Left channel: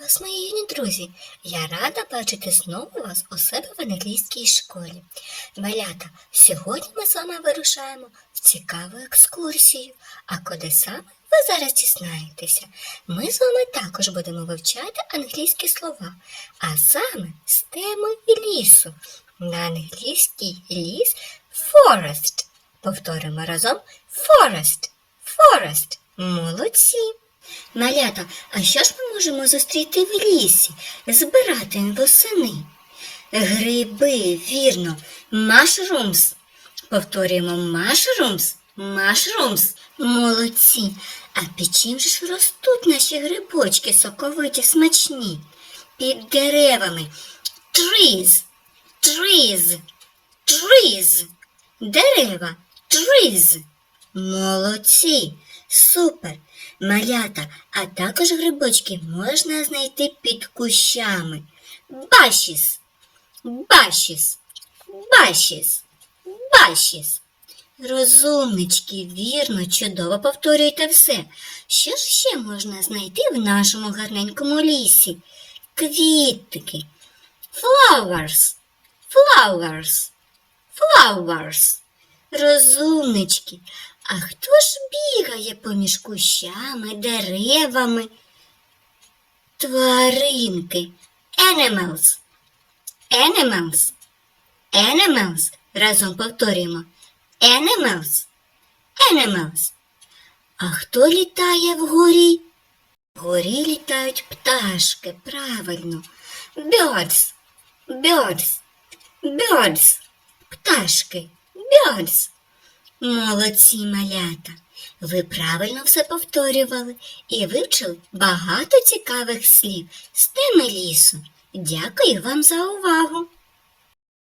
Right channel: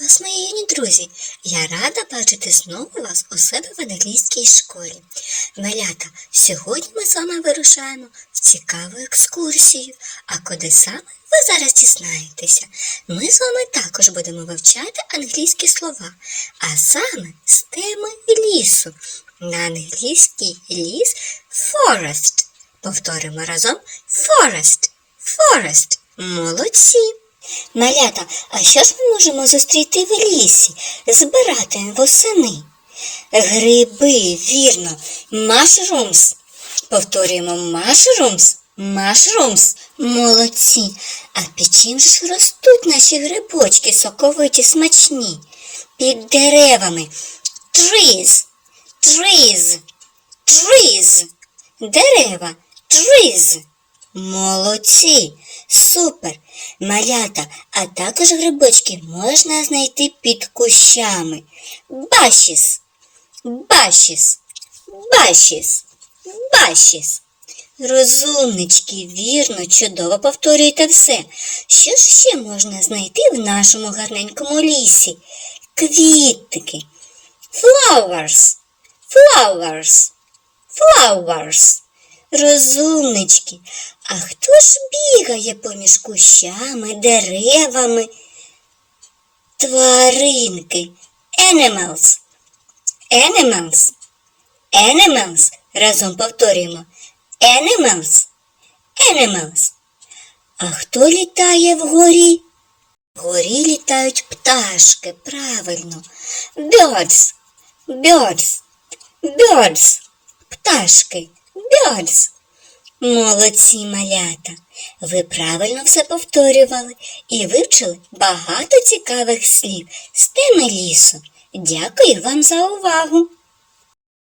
вас, мої юні друзі! Я рада бачити знову вас у себе в англійській школі. Малята, сьогодні ми з вами вирушаємо в цікаву екскурсію. А куди саме ви зараз дізнаєтеся? Ми з вами також будемо вивчати англійські слова, а саме з теми лісу. На англійський ліс forest. Повторимо разом forest. Forest. Молодці. Малята, а що ж ми можемо зустріти в лісі, збирати восени? Гриби, вірно, mushrooms. Повторюємо mushrooms, mushrooms. Молодці. А під чим ж ростуть наші грибочки соковиті смачні? Під деревами. Trees, trees, trees. Дерева, trees. Молодці, супер, малята, а також грибочки можна знайти під кущами. Башіс, башіс, башіс, башіс. Розумнички, вірно, чудово повторюйте все. Що ж ще можна знайти в нашому гарненькому лісі? Квітки. Flowers, flowers, flowers. Розумнички, а хто ж бігає поміж кущами, деревами? Тваринки. Animals. Animals. Animals. Разом повторюємо. Animals. Animals. А хто літає вгорі? Вгорі літають пташки, правильно. Birds. Birds. Birds. Пташки. Birds. Молодці малята. Ви правильно все повторювали і вивчили багато цікавих слів з теми лісу. Дякую вам за увагу!